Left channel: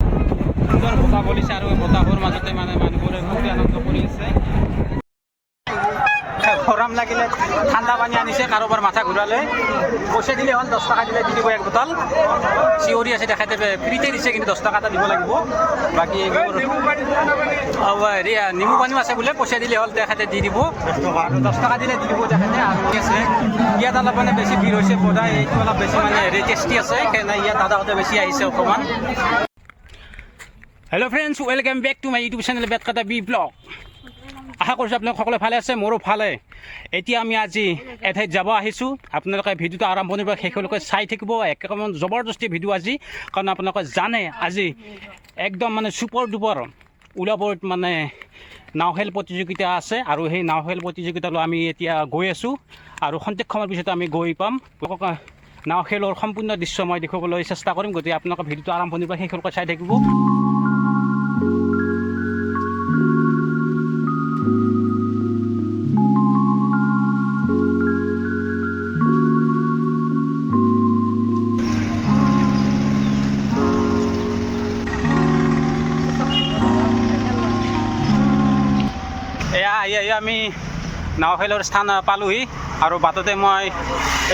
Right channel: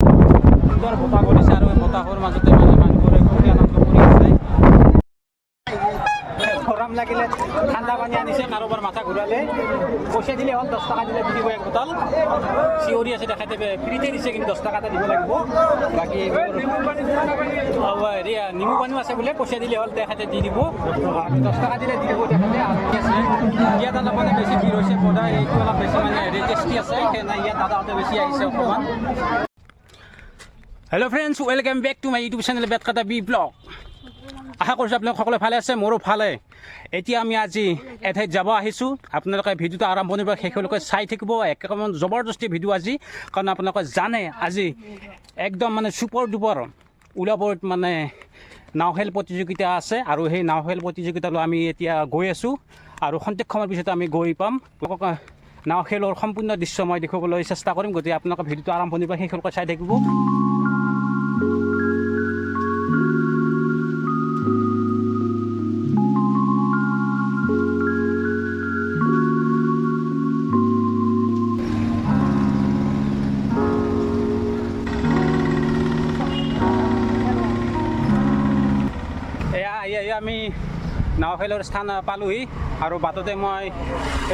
সুন্দৰ বতাহ বলিছে আৰু বতাহৰ মাজতে মানে মানুহবোৰে খুব আনন্দ কৰি আছে। গৰম লাগিলে ঠাণ্ডা পানী আনিছে, কাৰোবাৰ মাথা ঘূৰালে পইচা দিলে হ'ল, 10 টকা দিলে দি দিব এক বটল। চিঞৰি আছে দেখাইতে ফ্ৰীতে দিছে, কিন্তু 10 টকা এটা দিব লাগিব। বাকী নেমু পানীও আছে বোলে, পইচা দিলে হ'ল তেখেতে দি দিব, 10 টকা দিলে দি দিব তেখেতে। আৰু আছে ইয়াত অলপ মানে বেছি ভিৰ হৈছে, বজাই এইটো অলপ বেছি মানে টেষ্টি আছে, সেইকাৰণে ইয়াত দাদাহঁতে বেছি আহিছে অকণমান। Hello' friends, welcome back to my YouTube channel Betkata B blog. আশা কৰিছোঁ আপোনালোক সকলোৱে ভালে আছে, মোৰো ভালে। এতিয়া আমি আজি এঠাইত যাব আহিছোঁ। আপোনালোকে ভিডিঅ'টো আৰম্ভণিৰ পৰা শেষলৈকে চাই থাকিব, একেবাৰে জবৰদস্তি ভিডিঅ' আজি, কাৰণ আপোনালোকে জানে আজি একদম মানে চুপাৰ ডুপাৰ ওলাবত মানে নাও খেল প্ৰতিযোগিতা আছে, আৰু সেই নাও খেল প্ৰতিযোগিতালৈ আমি এতিয়া গৈ আছোঁ, আৰু খন্তেক সময়ৰ পিছতে আমি গৈ পাম। নাও খেলৰ সম্পূৰ্ণ দৃশ্য মই দেখুৱাবলৈ চেষ্টা কৰিম, গতিকে আপোনালোকে ভিডিঅ'টো আৰম্ভণিৰ পৰা শেষলৈকে চাই থাকিব। এয়া আমি নাও খেলৰ স্থান পালোহি, আৰু বাটতে মই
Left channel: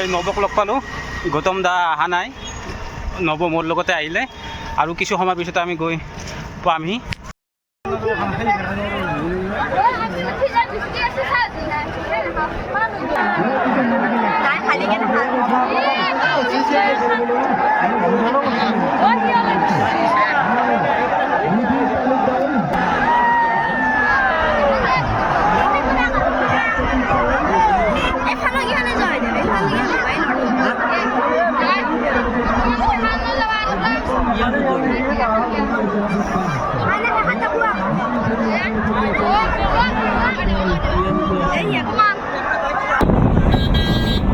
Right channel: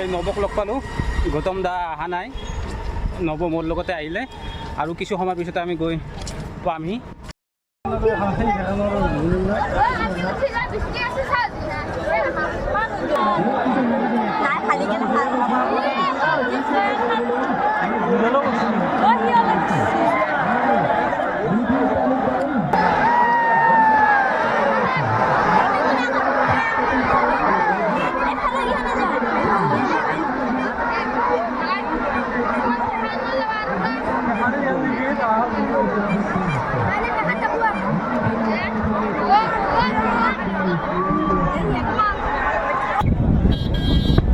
এই নৱক লগ পালোঁ। গৌতম দা অহা নাই, নৱ মোৰ লগতে আহিলে, আৰু কিছু সময়ৰ পিছতে আমি গৈ পামহি।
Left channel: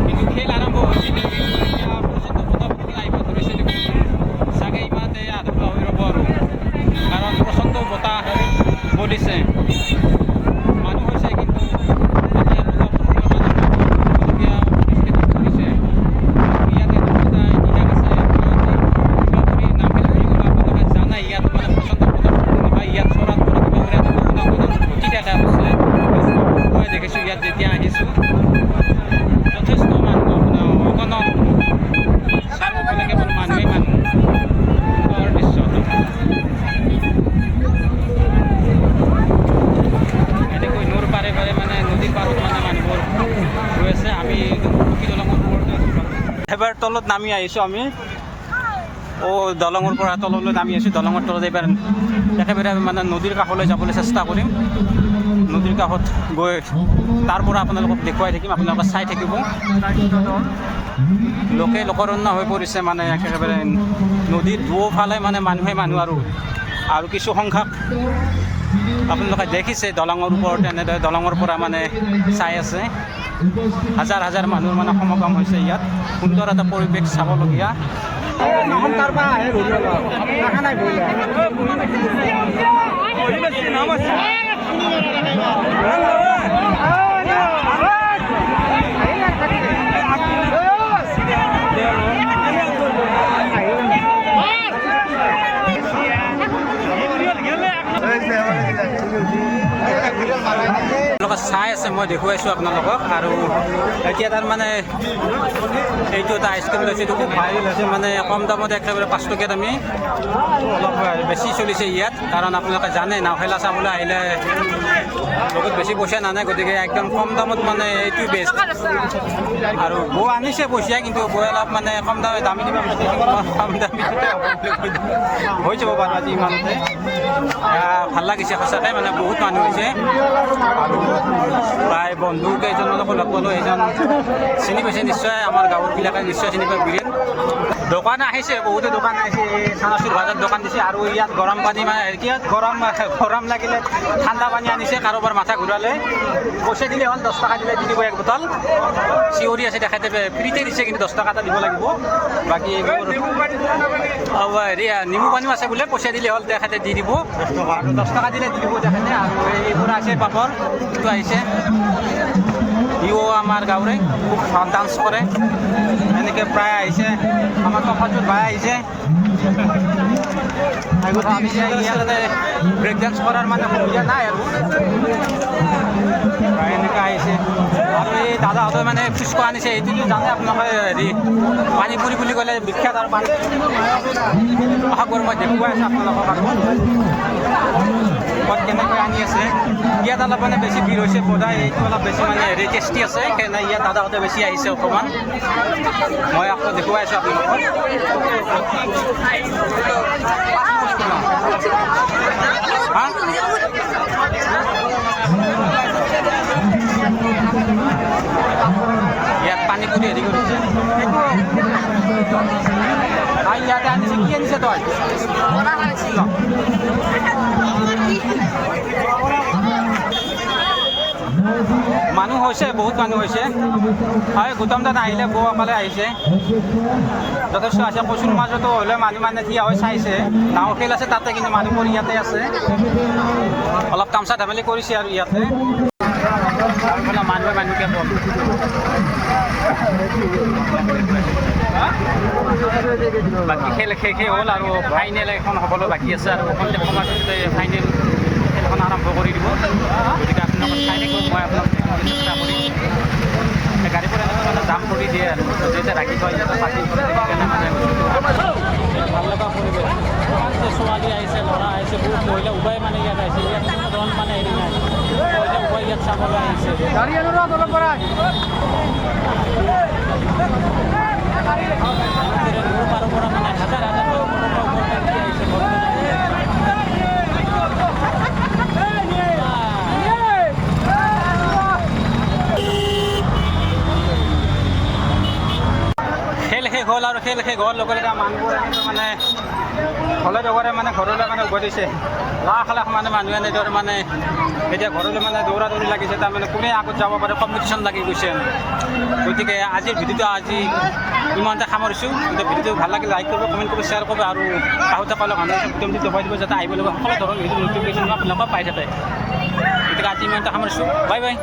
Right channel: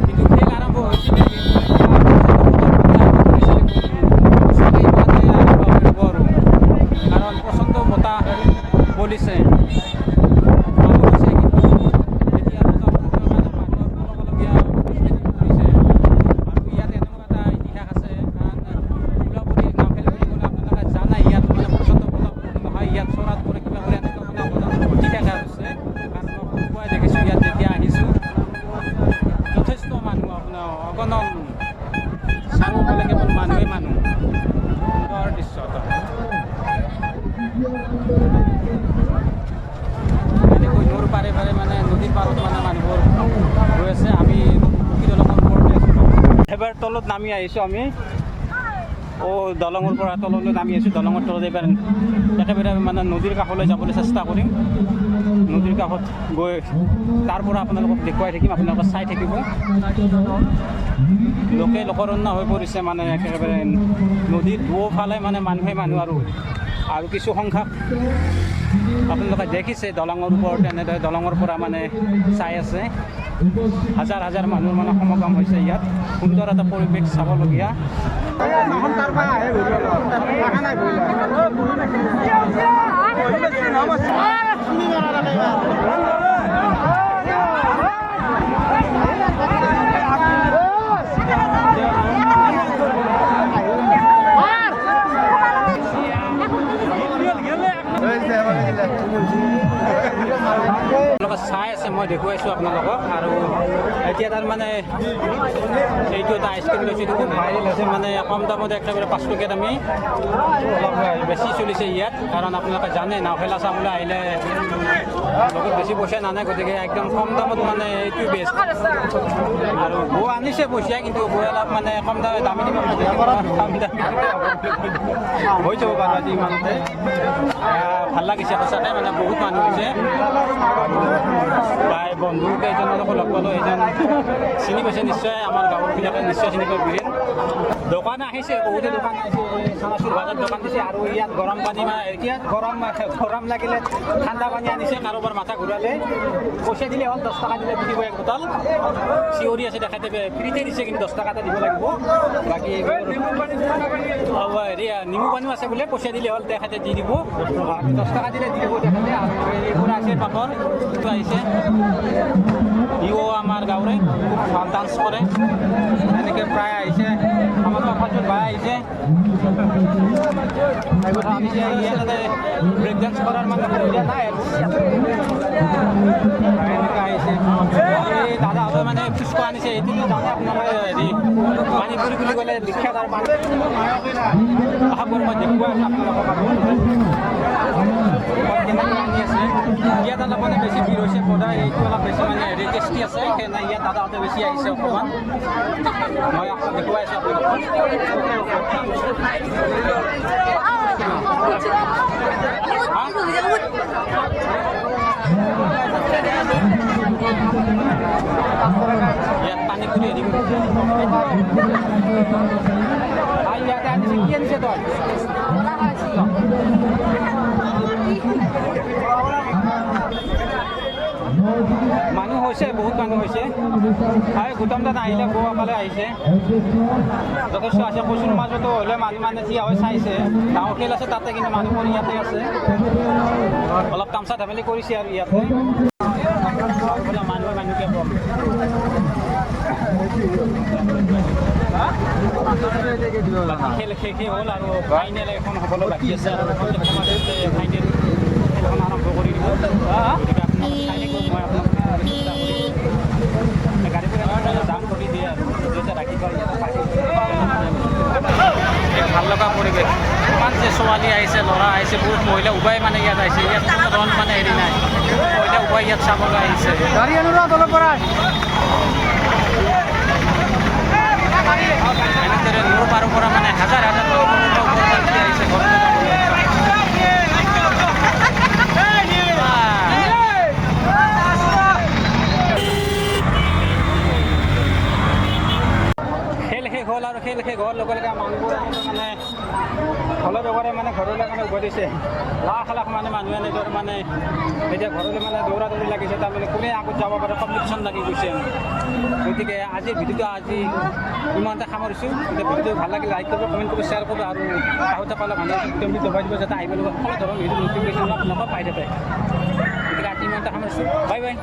কিন্তু খেল আৰম্ভ হৈছিলে, চাগে ইমানে আৰম্ভ হ'ব আৰু, কাৰণ প্ৰচণ্ড বতাহ বলিছে, মানুহ হৈছে, কিন্তু এতিয়া বতাহ ইয়াত এটা ইতিহাস আছে। জানাই ইয়াত মানে প্ৰচণ্ড বতাহ নহয়, ইয়াত চৰাত কিবা কৰি ঘটি দেখা হৈছে। মই দেখিছোঁ ইয়াত যেতিয়া আহিছোঁ, যথেষ্ট মানুহ, আপোনাৰ অগণন, চাৰিওফালে কেৱল মানুহেই মানুহ। সুন্দৰ দৃশ্য এনেকৈ নৈৰ পাৰে পাৰে মানে নদীৰ পাৰত মানে মানুহবোৰ ৰৈ আছে। আমি দলঙৰ ওপৰতে এবাৰ তলত নামি আহিছোঁ আমি, দলঙৰ পৰা তললৈ নামি আহিছোঁ। দলঙৰ তলত এইবাৰ একেবাৰে মানে নদীৰ কাষলৈ যাবলৈ চেষ্টা কৰিম। নদীৰ কাষত গৈ তাৰ পৰা আপোনালোকক দেখুৱাই থাকিম, আপোনালোকে চাই থাকিব। লোকে লোকৰণ্য হৈ পৰিছে, মানে একেবাৰে নদীৰ দুয়োফালে মানে মানুহে মানুহ, আৰু কিছু সংখ্যক আপোনালোকে দেখিছে দলঙৰ ওপৰত এনেদৰে দলঙৰ পৰা মানে চাই আছে। হাজাৰ হাজাৰ মানুহৰ মানে সমাগম হৈছে ইয়াত। সুন্দৰ এটা পৰিৱেশ চাবলগীয়া। চাই আছে, মই দেখুৱাইছোঁ আপোনালোকক। আৰু এতিয়া তাৰমানে এইটো এটা আইচক্ৰীম লৈছে, এইটো খুব ভাইৰেল হৈছে, মানে কম দামতে একেবাৰে 5 টকীয়াত আমি অলপ বেছি চলিছে ইয়াত, কাৰণ আপোনালোকে জানে নাও খেলা চাবলৈ আহিলে বহুত বেছি পইচা নানে, গতিকে একদম কম দামত মানে এইটো বেষ্ট। আৰু বৌ আনিছে পইচা, কিন্তু বৌ অলপ মানে কম দামী দিব বিচাৰিছে, কম দামী হৈ যাব বাৰু আজি ইমানতে। ভাল লাগিছে সঁচাকৈ, মানে বহুত মানুহ হৈছে। আৰু প্ৰায় বন্ধু কেইজনকো লগ পালোঁ, এইজন চিনি পাইছে নিশ্চয়, আমাৰ গাঁৱৰবিলাকে নিশ্চয় চিনি পায়, বীৰেন। দোকান আহিছে, বহুতো দোকান আহিছে, চানাচুৰ ভাজাৰ দোকান দিছে, আৰু ইয়াত গৰম পানী মানে ইয়াত গৰম লাগিলে ঠাণ্ডা পানী আনিছে, কাৰোবাৰ মাথা ঘূৰালে পইচা দিলে হ'ল, 10 টকা দিলে দি দিব এক বটল। চিঞৰি আছে দেখাইতে ফ্ৰীতে দিছে, কিন্তু 10 টকা এটা দিব লাগিব। বাকী নেমু পানীও আছে বোলে, পইচা দিলে হ'ল তেখেতে দি দিব, 10 টকা দিলে দি দিব তেখেতে। আৰু এইবোৰ আছে পাপৰ, এইটো আহিছে। ইও আমাৰ গাঁৱৰে খুব ভাল ডান্স কৰে এনেকৈ প্ৰায় আহিছে আমাৰ কফাটোৰ ভাই আহিছে আমি ইয়াতে ব্ৰেক ডান্স কৰাৰ মানে সুবিধা নাই আৰু এনেকৈ আহিছে আৰু এই দাদাহঁতে মানে ফুচকা আনিছে এইটোতো জানে আপোনালোকে হেৰি পানী পুৰি বুলি ক'লে বিখ্যাত আৰু পানী সাগৰ মই দেখুৱাই আছোঁ আপোনালোকক আৰু কেনেকৈ আনি আছে ইয়াত অলপ মানে বেছি ভিৰ হৈছে সদায় এইটো অলপ বেছি মানে হেৰি টেষ্টি আছে সেইকাৰণে ইয়াত দাদাহঁতে বেছি আহিছে অকণমান মই আকৌ দেখুৱাই আছোঁ আপোনালোকক ইয়াত পানী পুৰি হেৰি কৰিছে ইয়াতে আনিছে কি আনিছে তই মানুহ হৈছে বহুত মানুহ হৈছে হয় গৌতম দাদা আহিলে বৌসকলে আহিছে যথেষ্ট আছে কচুৰ মাজতো হ'লে মানুহ মানে থিয় হৈ চাইছে ডাঙৰ খেল আছে তাতে কিন্তু মানুহবোৰ ইয়াতে আছে অলপ তামচা ধেমালি কৰিছে আৰু ইয়াতে আৰু ফালে মানুহকে কম বাকী খেল শেষ হ'ল আৰু ফাইনেল এখন হ'বলৈ বাকী আছে আৰু সন্ধিয়া সময়ত ফাইনেল খেলখন আৰম্ভ কৰি দিব গতিকে আপোনালোকে চাই থাকিব মই আপোনালোকক চেষ্টা কৰিম গাড়ীবোৰ এনেকৈ মানে জাম কৰি দিয়ে আৰু যেতিয়া ৰাখি থয় ইয়াতে পাৰ্কিং কৰি সেইকাৰণে মানে এক ভাল লগা পৰিৱেশ ইমান যে ছোৱালী আহিছে ল'ৰা আহিছে বহুত মহিলা উবাই মানে ইয়াত আহিছে ইয়াত কোনো ৰন মানে হেৰি নাই মহিলা উবাই ইয়াত চাবলৈ আহিছে এনেদৰে নূৰ পাৰৰ পৰা মানে হাজাৰ হাজাৰ আহিছে ঘৰলৈ খেল শেষ হ'ল আৰু খেল শেষ হোৱাৰ লগে লগে মানুহবোৰ মানে হলে জগৰে মানে ঘৰলৈ মানে উভতিছে লাখ লাখ মানে মানুহে এনেদৰে মানে এতিয়া ঘৰলৈ মানে দৌৰা দৌৰি লাগিছে তাৰমানে কোনে আগত যাব পাৰে কম্পিটিশ্যন লাগি গৈছে গতিকে আজিৰ ভিডিঅ'টো আজি ইমানতে সামৰিছোঁ গতিকে ভিডিঅ'টো ভাল লাগিলে লাইক কৰিব কমেণ্ট কৰিব শ্বেয়াৰ কৰিব আৰু আহোঁতে ক'লে ভাল লাগিছে ভিডিঅ'টো দবাই দিব যাতে আহিব লগা সকলো ধৰণৰ ভিডিঅ' নটিফিকেশ্যন আপোনালোকক পাই থাকে গতিকে আজি ইমানতে সামৰিছোঁ বাই বাই